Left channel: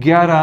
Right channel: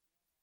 11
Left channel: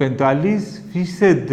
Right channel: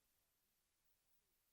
45%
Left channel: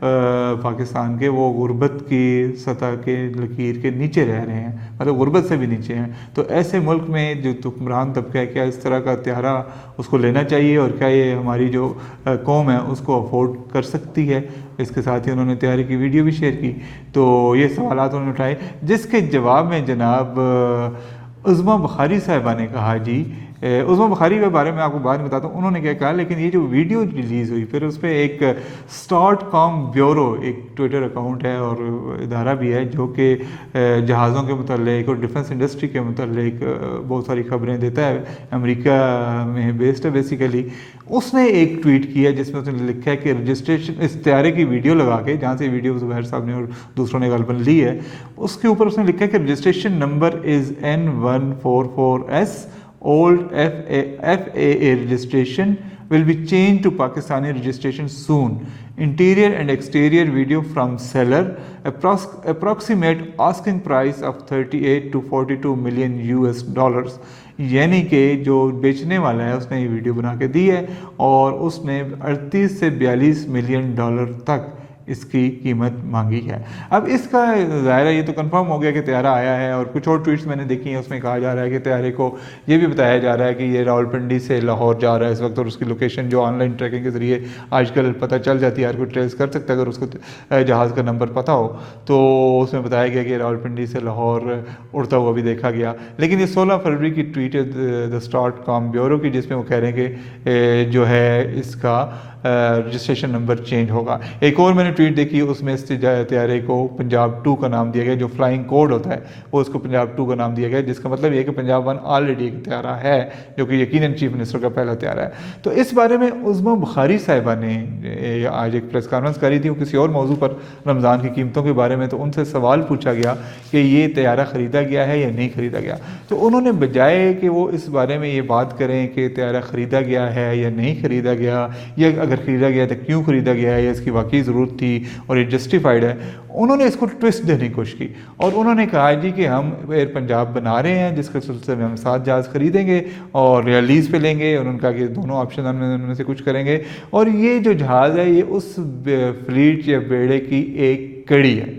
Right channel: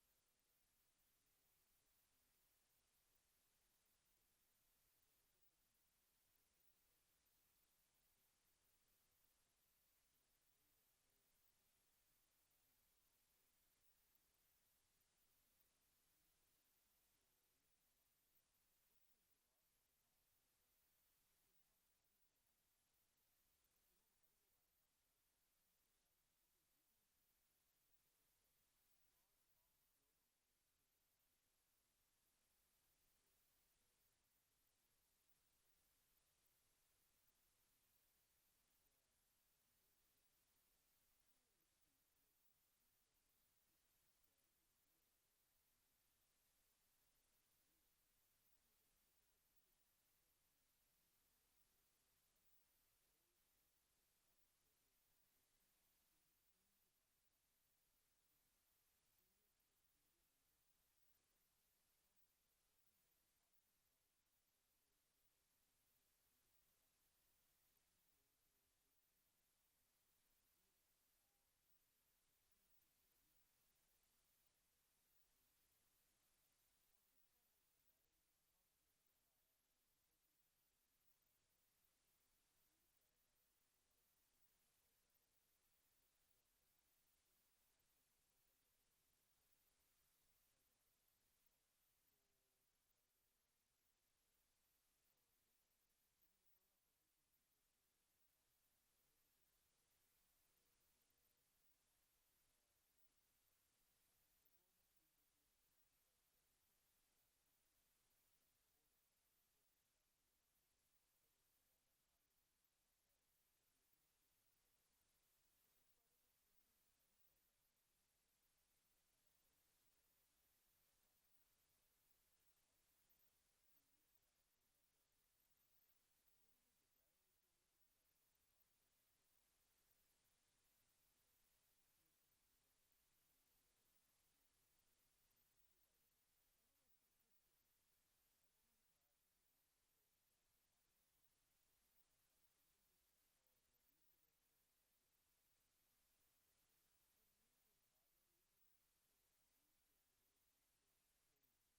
پاکستان کے وہ غربت کی سطح کے لکیر کے نیچے رہ رہے ہیں، مطلب غربت سے بھی نیچے ہیں. تو ایسے ملک میں جو حکمران طبقہ ہے کیا اس طرح کا ہتھیارہ اس کو لینا چاہیے، اور کیا یہ ہماری جو قوم ہے اس کو افورڈ کر سکتی ہے؟ اس کے ساتھ ہی انہوں نے طیارے کی ویڈیو بھی شیئر کی. تو یہ سوالات انہوں نے اٹھائے، جس کے جواب میں جناب عظمیٰ بخاری صاحبہ نے کہا جی، عظمیٰ بخاری کے بارے میں آپ کو بعد میں بتاتا ہوں انہوں نے کیا کہا، لیکن یہ جو ویڈیو ریلیز ہوئی پھر اس پہ ایک اسٹارٹ کام بیورو ایک ٹویٹر اکاؤنٹ ہے اور ادارہ بھی ہے جو کہ جہازوں کے متعلق اور ڈیفنس انڈسٹری کے متعلق بہت ساری خبریں دیتا ہے، امریکہ میں بیسڈ ہے بیسیکلی. اس نے ایک ٹویٹ کیا جس میں اس نے لکھا ہے کہ رجسٹریشن، اس طیارے کی ویڈیو لگا کے جہاں سے ویڈیو زبیر صاحب نے اور دوسروں نے غالباً لی ہے، اس کے اوپر اس نے لکھا ہے کہ registration number is N144S old FAA registration will be changed to Pakistani registration soon. Interior and exterior video from seller. Approximate asking price of 38 to 42 million US dollars. یعنی کہ جو بیچنے والا ہے اس نے یہ ویڈیو بنا کے دی ہے اور اس نے 38 سے 42 ملین ڈالر تک اس کی قیمت مانگی ہے. اب اس کا ظاہر ہے یہ تو کنفرم ہو گیا کہ طیارہ آیا ہے، اور کچھ اور ٹویٹس میں نے دیکھی ہیں اس میں کہا جا رہا ہے کہ طیارے کو یہ بھی بتایا جا رہا ہے کہ یہ راولپنڈی سے لاہور جا رہا ہے اس وقت، اور اس کی لوکیشن جو آن لائن ٹریکنگ کے ذریعے آج کل پتہ چل جاتی ہے، ہر کوئی ٹریس کر سکتا ہے اگر اس کو جہاز کا نمبر پتہ ہو. تو اس میں بتایا گیا کہ راولپنڈی سے لاہور اڑتا ہوا بھی دیکھا گیا. لیکن یہ 16 فروری کی ٹویٹ ہے دا اسٹارٹ کام بیورو کی، جس میں وہ کہہ رہے ہیں کہ جو ہے اس کا رجسٹریشن نمبر چینج ہوگا. ایک اور میں نے ٹویٹ دیکھی، اس میں اس طیارے کو پنجاب 2 کا نام دیا گیا، جو فلائنگ کوڈ ہوتا ہے وہ اس کو پنجاب 2 کا نام دیا گیا، جس کا مطلب یہ ہے کہ پنجاب 1 آلریڈی ایک طیارہ ہے جو کہ یقیناً چیف منسٹر کا پہلا طیارہ ہے. تو اس بارے میں عظمیٰ بخاری صاحبہ نے آج ایک پریس کانفرنس کری تھی کسی اور موضوع پر، رمضان کی قیمتوں کے بارے میں. تو ان سے سوال پوچھا گیا کہ یہ طیارہ خریدا گیا ہے یا نہیں خریدا گیا. تو انہوں نے بجائے کہ وہ اس بارے میں یہ بات کریں کہ طیارہ خریدا گیا ہے یا نہیں خریدا گیا، یا اگر خریدا گیا تو کیوں خریدا گیا ہے، یا اس کی واقعی ضرورت تھی اور یہ جسٹیفائڈ ہے، انہوں نے اس کو ٹوسٹ دینے کی کوشش کی. اور انہوں نے کہا جی کہ ہم ایئر پنجاب بنا رہے ہیں جس کے سلسلے میں ہم 7 جہاز خریدیں گے اور لیز پہ لیں گے. انہوں نے کہا کہ دونوں آپشن ہم ان میں سے کچھ کریں گے، اور یہ جو جہاز ہے یہ اس فلیٹ یا بیڑے کی ایک کڑی ہے.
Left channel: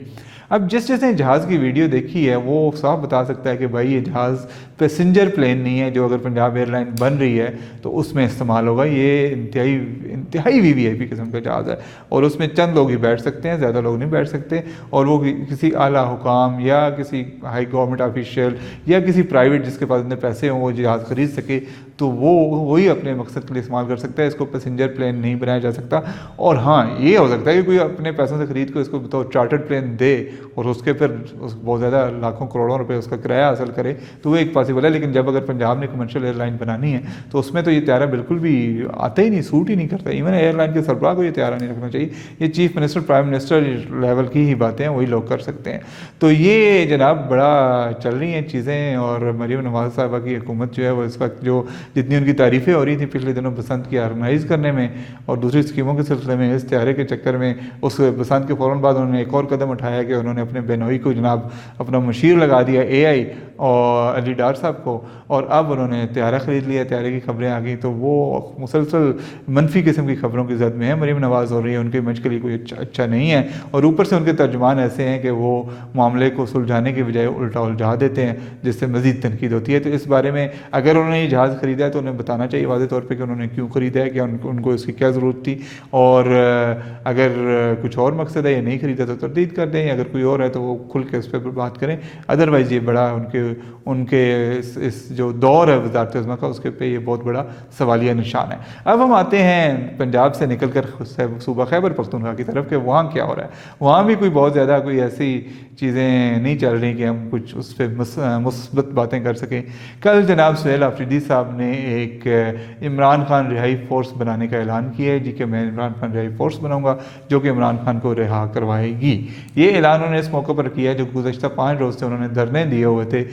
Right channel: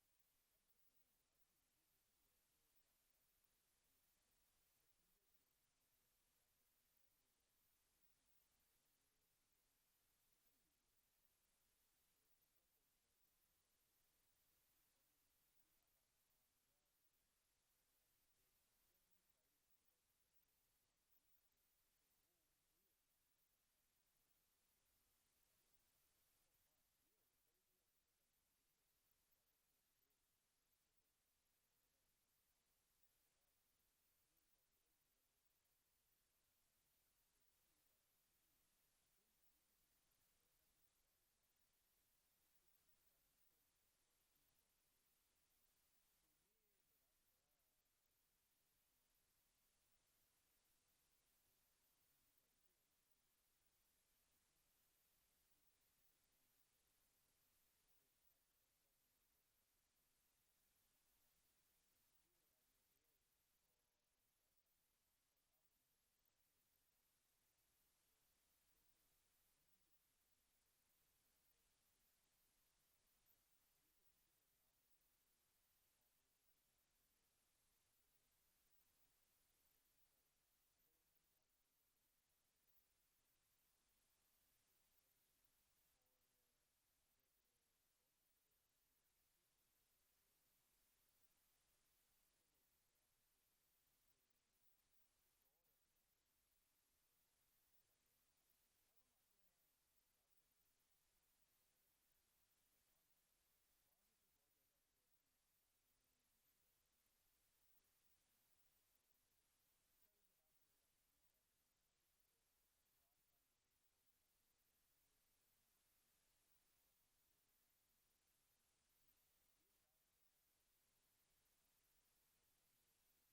اب جس نے جہاز کی ویڈیو دیکھی ہے وہ صاف بتا سکتا ہے کہ بھائی یہ جہاز پیسنجر پلین نہیں ہے جو اگر پنجاب ایئر لائن بن رہی ہے تو اس میں استعمال ہوگا. یہ انتہائی VVIP قسم کا جہاز ہے اور اس میں چند لوگ ہی بیٹھ سکتے ہیں، زیادہ لوگ نہیں بیٹھ سکتے، اور وہ کسی اعلیٰ حکام یا کسی ہائی گورنمنٹ آفیشیل یا کسی پرائیویٹ جس کے پاس اتنے پیسے ہوں وہ جہاز خرید سکے تو وہی اپنے مقصد کے لیے استعمال کر سکتا ہے. اس کو پیسنجر پلین نہیں بنایا جا سکتا. اور ہاں یہ ہو سکتا ہے کہ کوئی اپنے پیسوں سے خرید کو اس کو بطور چارٹرڈ پلین دے اور اس کے پھر بہت زیادہ لاکھوں کروڑوں روپے اس کا کرایہ حاصل کرے تو وہ ایک پاسبل ہے. لیکن جب اگر پنجاب نے کمرشل ایئر لائن بنانی ہے تو اس میں تو یہ طیارہ بالکل بھی آتا ہی نہیں، سوٹ ہی نہیں کرتا. ایون ایئر لائن کے سربراہ کو یہ طیارہ نہیں رکھنا چاہیے. یہ chief minister, prime minister level کی ہی باتیں ہیں، وہی لوگ کر سکتے ہیں. تو یہ جناب بڑا چل رہی ہیں چیزیں. اور مریم نواز صاحبہ کی حکومت جو ہے وہ اس وقت جو جتنی ان کی تعریفیں ہو رہی تھیں پچھلے دنوں بسنت کی آرگنائز کرنے میں اور دوسری اسکیموں کے سلسلے میں، اس طیارے کے چکر میں اس بسنت کے فوراً بعد انہوں نے ایک اور قدم اٹھایا کہ انہوں نے اپنے بینوئی کو جناب اپنا مشیر لگا دیا AI اور علی ڈار صاحب کو، اور اب انہوں نے طیارہ خرید لیا. طیارے کی خبریں آ گئیں تو وہ مسلسل منفی قسم کی خبروں کی زد میں ہے. مریم نواز ہو رہی ہے، ان کے امیج کے لیے کوئی اچھا نہیں ہے، اور اوپر سے ان کے ترجمان ایسے ہیں کہ وہ معاملے کو سلجھانے کے بجائے الٹا الجھا دیتے ہیں جس سے مزید تنقید ہوتی ہے. تو اس بارے میں اگر انہوں نے یہ جہاز خریدا ہے تو انہیں بتانا چاہیے واضح طور پہ کہ انہوں نے کیوں خریدا ہے، کہ ان کو اس کی کیا ضرورت تھی، اور اگر کچھ اور مقصد ہے یا نہیں خریدا تو تردید کر دیں، اگر کوئی اور ہے تو وہ کھل کے اس پہ بات کریں. ادروائز یہ بڑا ان کے اس جو دور ہے وزارت عظمیٰ کا اس کے پہ یہ بہت بڑا سوالیہ نشان ہے. اب ہم آتے ہیں پنجاب سے نکل کر صوبہ خیبر پختونخوا کی طرف کہ وہاں کیا ہو رہا ہے. وہاں بھی کوئی بہت زیادہ کوئی ایسی چیزیں نہیں چل رہی کہ ہم کچھ اس پہ مثبت باتیں کر سکیں. کل جناب سہیل آفریدی صاحب نے ایک عمران خان رہائی فورس بنانے کا اعلان کیا ہے جی کہ میں عمران خان رہائی فورس بناؤں گا جو کہ عمران خان کو رہا کروائے گی. یہ اعلان انہوں نے اس موقع پر کیا جو گزشتہ 5 روز سے انہوں نے دھرنے دیے ہوئے تھے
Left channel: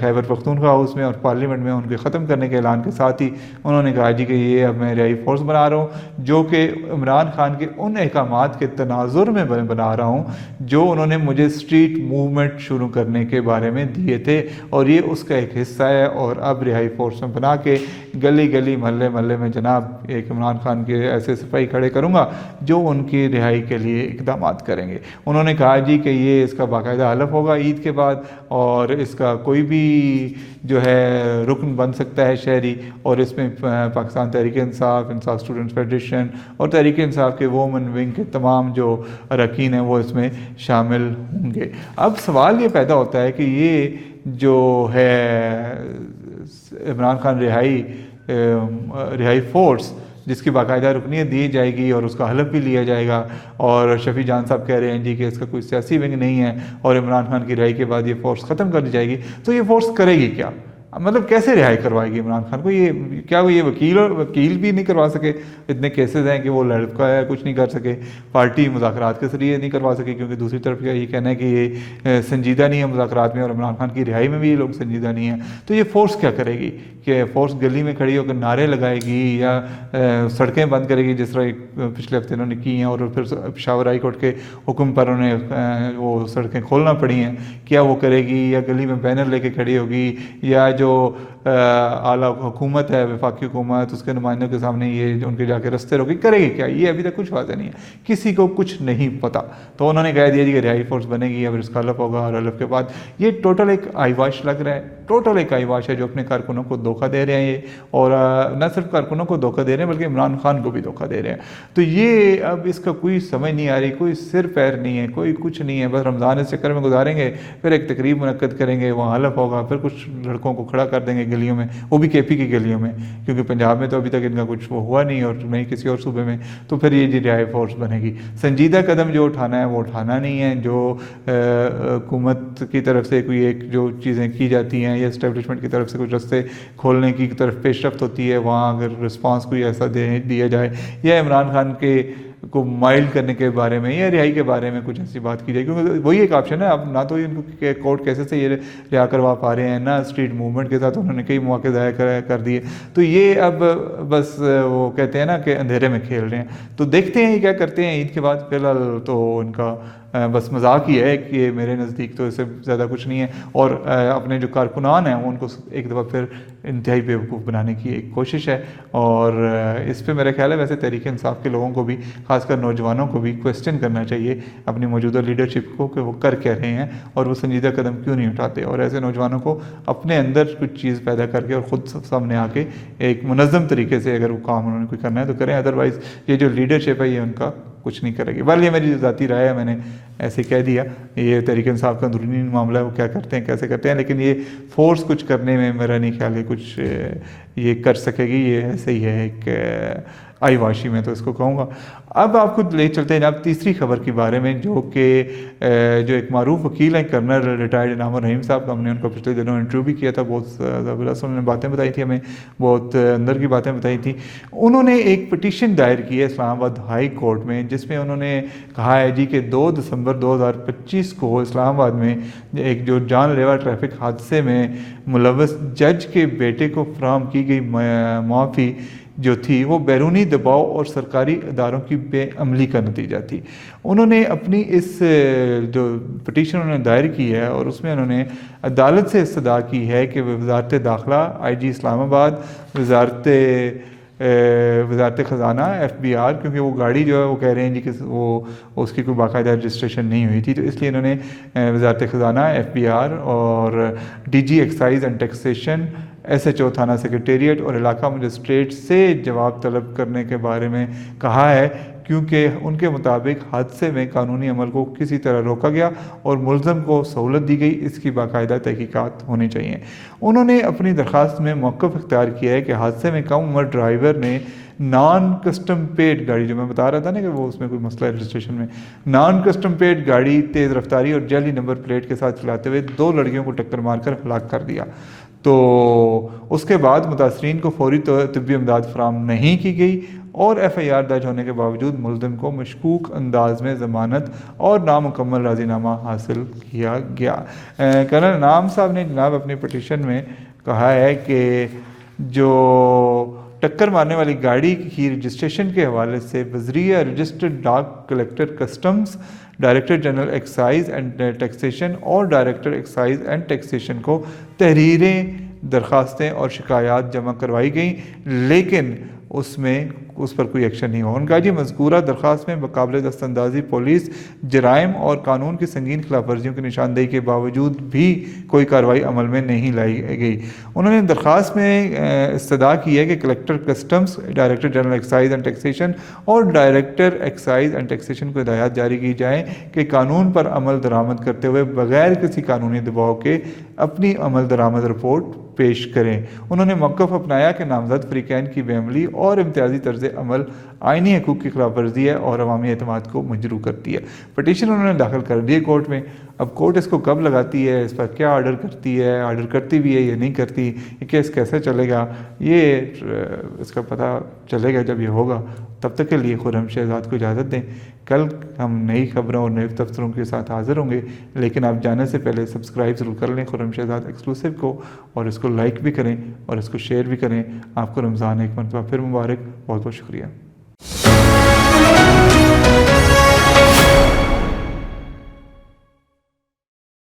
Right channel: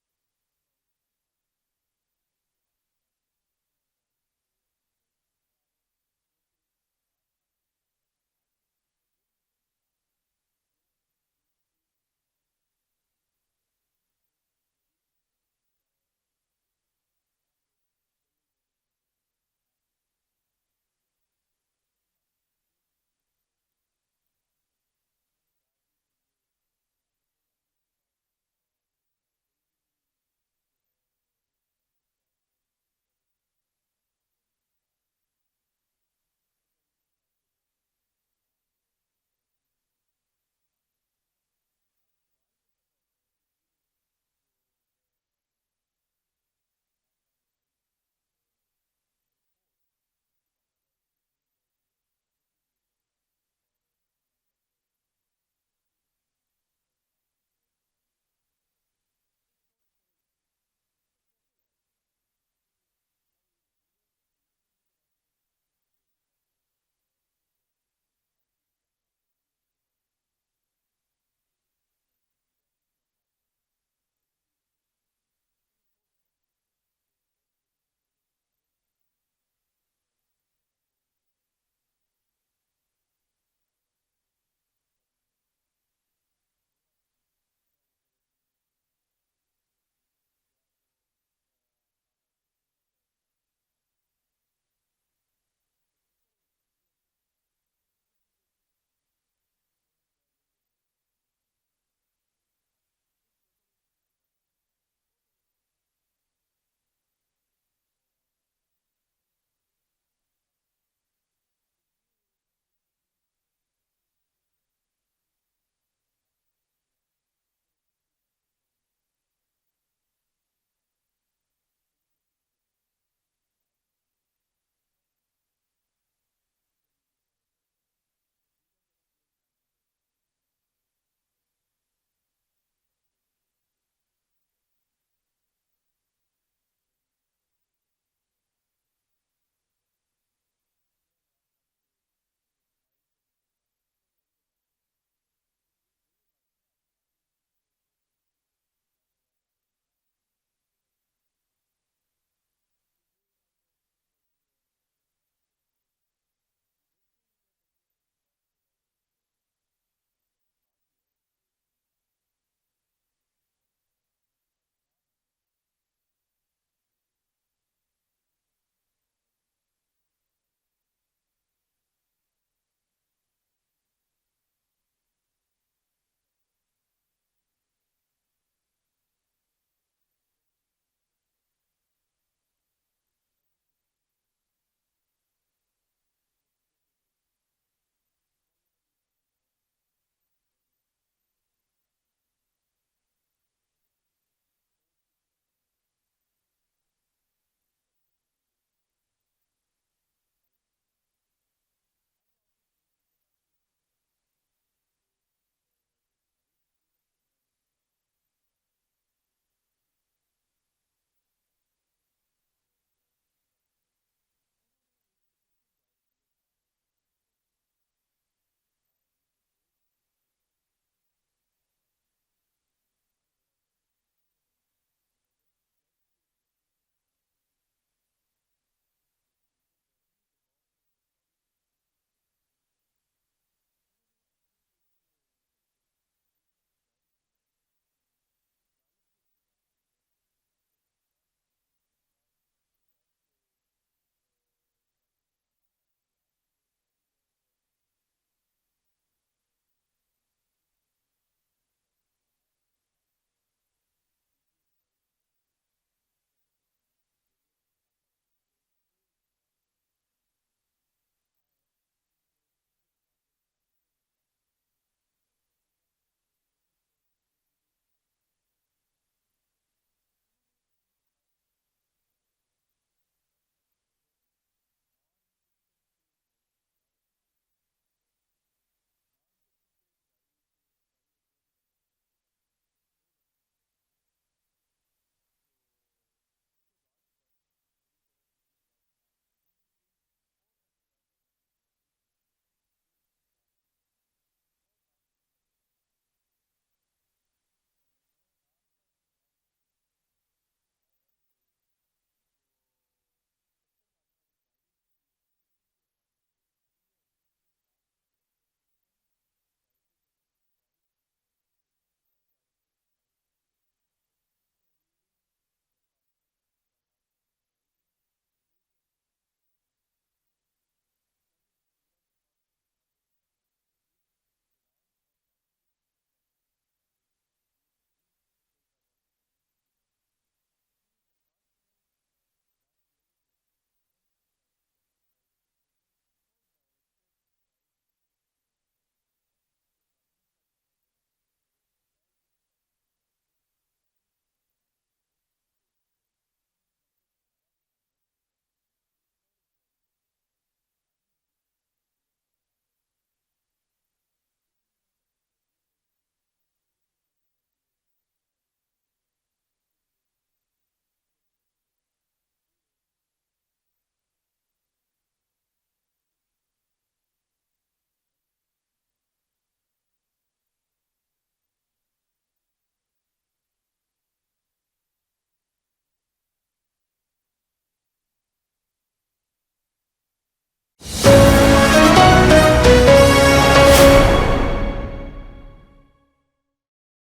خیبر پختونخوا ہاؤس میں اور پارلیمنٹ میں. ان کے ختم کرنے کے اعلان کے ساتھ ہی انہوں نے کہا جی کہ یہ اب میں رہائی فورس بنا رہا ہوں جو کہ عمران خان کے ان احکامات کے تناظر میں بنا رہا ہوں جو انہوں نے مجھے اسٹریٹ موومنٹ شروع کرنے کے بارے میں دیے تھے، اور یہ اس کا ایک حصہ ہے. اور اب رہائی فورس میں بنا کے کہ گلی گلی محلے محلے میں جناب ایک عمران خان کے ایسے سپاہی کھڑے کروں گا جو ان کی رہائی کے لیے اقدامات کریں گے۔ انہوں نے کہا جی کہ یہ اس کا باقاعدہ حلف ہوگا عید کے بعد، اور اس کا کوئی بھی جو ہے رکن بن سکتا ہے شہری، اور اس میں پاکستان تحریک انصاف، انصاف اسٹوڈنٹس فیڈریشن اور تحریک انصاف کے وومن ونگ کے تمام جو اراکین ہیں وہ اس میں شامل ہوں گے۔ اب سوال یہ پیدا ہوتا ہے کہ یہ جو ہے عمران خان رہائی فورس جس کی باقاعدہ رکنیت دی جائے گی اور اس کا حلف بھی لیا جائے گا، اور شفیع جان صاحب کہہ رہے ہیں جی کہ اس کا کوئی سیاسی ونگ نہیں ہے اور عمران خان کی رہائی کے بعد یہ فورس ختم کر دی جائے گی، تو یہ فورس کرے گی کیا؟ مطلب کیسے رہائی کوائے گی عمران خان کو؟ کیا وہ یہ وکیل بھی نہیں کروا سکے؟ اتنے کیسز ہیں کہ وہ لڑکا ہے کچھ نہیں کر سکے، پارٹی مذاکرات کے ذریعے نہیں کروا سکے، کیونکہ دوسری طرف کا یہ کہنا ہے کہ یہ سنجیدہ نہیں ہے مذاکرات میں، اور عمران خان کی رہائی میں بھی یہ لوگ سنجیدہ نہیں ہیں۔ تو یہ فورس کیا کرے گی؟ کہ فورس گلی میں کھڑی ہو کر نعرے لگائے گی یا سڑکیں بند کرے گی جس طرح پچھلے ہفتے انہوں نے کی ہیں، اور پھر پشاور ہائی کورٹ کے حکم پر انہیں وہ سڑکیں کھولنا پڑی ہیں؟ کیا وہ کرے گی؟ یا گلی میں بینر لے کے کھڑی ہوگی؟ یا جو اعلیٰ حکومت ہے، وفاقی حکومت، اس کے نمائندوں کے سامنے یہ ان کے جا کے رستے روکے کرے گی کیا؟ یہ ابھی تک کچھ واضح نہیں ہے، کسی کو کچھ نہیں پتا۔ تو انہوں نے کہہ دیا جی کہ رہائی فورس بنے گی، اب اس کا حلف ہوگا، اور حلف کے بعد یہ ٹوٹل ایک آئی واش لگ رہا ہے، ٹوٹل ایک آئی واش ہے جو اپنے کارکنوں کو دھوکہ دے رہے ہیں یہ، اور نہ صرف کارکنوں کو دھوکہ دے رہے ہیں بلکہ عمران خان کو بھی دھوکہ دے رہے ہیں۔ تو یہ اب اس کا کوئی سمجھ نہیں آ رہی، کوئی سر پیر نہیں ہے، کوئی کچھ نہیں ہے، بس رمضان اس چکر میں گزاریں گے، پھر ایک تقریب منعقد کریں گے، وہاں حلف ہوگا، پھر کچھ لڑکوں کو کھڑا کر دیں گے گلیوں میں، وہ بھی کے پی کی گلیوں میں، کیونکہ پنجاب میں تو ابھی تک ان کا کچھ وہ ہوا نہیں اور نہیں کسی اور صوبے میں، تو پھر یہ رہائی فورس بنے گی۔ سنجیدہ قدم جو اٹھانا ہے وہ اٹھانا نہیں ہے، جو حکومت کی طرف سے کوئی ایک جو چیزیں کی جاتی ہیں یا اسٹیبلشمنٹ کی طرف سے کچھ رستے کھولنے کی طرف پیش رفت ہوتی ہے، وہاں اگر رسپانس کوئی ایسا دیا جائے، یا عمران خان کو مائلڈ کرنے کے بارے میں یا رہائی کے بارے میں کچھ ایسی بات کی جائے، کیونکہ وہی ایک آپشن ہے۔ اب نہ تو ان کو کورٹ کیسے سے یہ رہا کروا پا رہے ہیں، نہ اسٹریٹ موومنٹ کے ساتھ انہوں نے کئی مواقع ضائع کر دیے، تو یہ اب بس وہ کہتے ہیں نا کہ اندھیرے میں کھیل رہے ہیں۔ تو دیکھتے ہیں یہ کیا کرتے ہیں عید کے بعد۔ فی الحال تو ان کا بس مذاق ہی ہے کہ میرے نزدیک تو اس سے زیادہ کچھ نہیں ہے، اور اپنے جو کارکنان ہیں ان کو ایک دفعہ پھر انتہائی بیوقوف بنانے کی ایک کوشش ہے، اور اس پہ میرا خیال ہے ویسے تحریک انصاف کے لوگوں کو بھی، خاص کر نوجوانوں کو بھی کویسچن کرنا چاہیے اپنی موجودہ لیڈرشپ کو کہ وہ کر کیا رہے ہیں اور وہ سنجیدہ قدم کیوں نہیں اٹھاتے، اور ایسے نوجوانوں کو اپنے اندر کچھ چیز پیدا کر کے اور خود سامنے آ کے ایک منظم طریقے سے اگر وہ کام انہوں نے کوئی کرنا ہے تو کریں، ادروائز یہ جو لیڈرشپ ہے یہ ان کا کچھ نہیں کرے گی۔ بل یہ میری ذاتی رائے ہے، میں نے ایسے کہہ دیا، یہ تحریک انصاف کا اندرونی معاملہ ہے، وہ کیا کرتے ہیں کیسے کرتے ہیں، لیکن یہ فورس کچھ کرنے میں میرا نہیں خیال ہے کچھ یہ کر سکے گی، یہ ایسے ہی ہے ایک آئی واشی میں تو اس کو کہوں گا۔ اب آپ کو لے چلتے ہیں جناب تیسری خبر کے بارے میں، جو کہ جو ایک معروف وکیل ہیں کرنل ریٹائرڈ انعام الرحیم صاحب کا، ہم نے ان کو پچھلے دنوں انٹرویو بھی کیا تھا، بہت زبردست انہوں نے باتیں بتائی تھی ہمیں، بہت اندر کی باتیں بتائی تھیں۔ انہوں نے ایک پٹیشن دائر کی ہے اسلام آباد ہائی کورٹ میں، جس میں انہوں نے کہا ہے جی کہ 2 دسمبر 2025 کو اسلام آباد میں ایک جو جان لیوا ٹریفک حادثے میں ملوث جج کے بیٹے کو فراہم کی گئی معافی جو تھی وہ بیرونی دباؤ اور سرکاری اداروں کی بے عملی کا نتیجہ تھی۔ انہوں نے اپنی اس جو پٹیشن انہوں نے دائر کی ہے اور اس میں انہوں نے عدالت سے استدعا کی ہے کہ وزارت داخلہ، آئی جی اسلام آباد، وزارت خزانہ، ایف بی آر، کیونکہ وہ گاڑی جو ہے وہ کہہ رہے ہیں جی کہ وہ اس کی کوئی باقاعدہ رجسٹریشن نہیں ہوئی تھی، تو اس لیے انہوں نے وزارت خزانہ، ایف بی آر اور D G excise and taxation, S H O تھانہ سیکریٹریٹ اور علاقہ مجسٹریٹ سے جواب طلب کرنے کے بارے میں کہا ہے، کیونکہ ان کے مطابق حادثے میں قانونی عمل کو کسی طرح روکا گیا اور ملزم کو سہولت دی گئی، اس کی باقاعدہ تحقیقات ہونی چاہیے۔ انہوں نے اپنی درخواست میں موقف اختیار کیا ہے کہ حادثے میں کم عمر ڈرائیور نے نان کسٹم پیڈ گاڑی، جو میں بتا رہا تھا نا کہ وہ اس میں کوئی مسئلہ ہے رجسٹریشن میں، نان کسٹم پیڈ گاڑی تیز رفتاری اور جعلی نمبر پلیٹ کے ساتھ چلاتے ہوئے 2 لڑکیوں کو ٹکر مار کر ہلاک کر دیا۔ تو اس کے بعد متاثرین کو فوری طبی امداد فراہم نہیں کی گئی اور ایف آئی آر درج ہونے کے باوجود ملزم کو مشکوک انداز میں ضمانت اور نامکمل راضی نامہ حاصل کیا گیا۔ کرنل انعام صاحب نے جناب اپنی پٹیشن میں کہا ہے کہ جو ٹکر مارنے والی گاڑی کی رجسٹریشن کے حوالے سے وزریہ رجسٹرڈ ڈاک collector customs, director general excise and taxation اور ڈائریکٹر ایکسائز اینڈ ٹیکسیشن کو تحریریں درخواستیں اور شکایات جمع کروائی گئیں، لیکن اس پر کوئی ایکشن نہیں ہوا۔ ان کا جی مذکورہ درخواست میں بقابل دست اندازی پولیس جرائم اور قانون کی سنگین خلاف ورزیوں کی نشاندہی کے باوجود بھی کوئی کارروائی عمل میں نہیں لائی گئی۔ انہوں نے درخواست میں استدعا کی ہے کہ collector customs, director general excise and taxation اور ڈائریکٹر ایکسائز اینڈ ٹیکسیشن کو ہدایات جاری کی جائیں کہ قانون پر عمل درآمد کرتے ہوئے بغیر کسی قانونی دباؤ کے اپنی عمل درآمد رپورٹ پیش کریں۔ انہوں نے موقف اپنایا کہ نامزد فریقین کی بے عملی اور امتیازی طرز عمل آئینی حقوق کی خلاف ورزی ہے اور عوامی اعتماد کو مجروح کرتی ہے۔ پٹیشن انہوں نے داخل کر دی ہے کورٹ میں۔ اب کورٹ اس کو کب لگاتی ہے، اس پر کیا آرڈر کرتی ہے، آرڈر کرتی بھی ہے یا نہیں کرتی، یہ کیس کیسے چلے گا، یہ اس کا پتہ چلے گا جب یہ ہوگا۔ تب تک کے لیے خرم شہزاد کو اجازت دیں۔ کل ہم نئی خبروں اور نئے تبصروں کے ساتھ حاضر ہوں گے، لیکن آپ جانے سے پہلے سبسکرائب ضرور کر لیں خرم شہزاد ایکسکلوسیو کو، اور اس کو لائک بھی کریں اور اس کو شیئر بھی کریں۔ آپ کو رمضان ایک مرتبہ پھر مبارک۔ بہت بہت شکریہ۔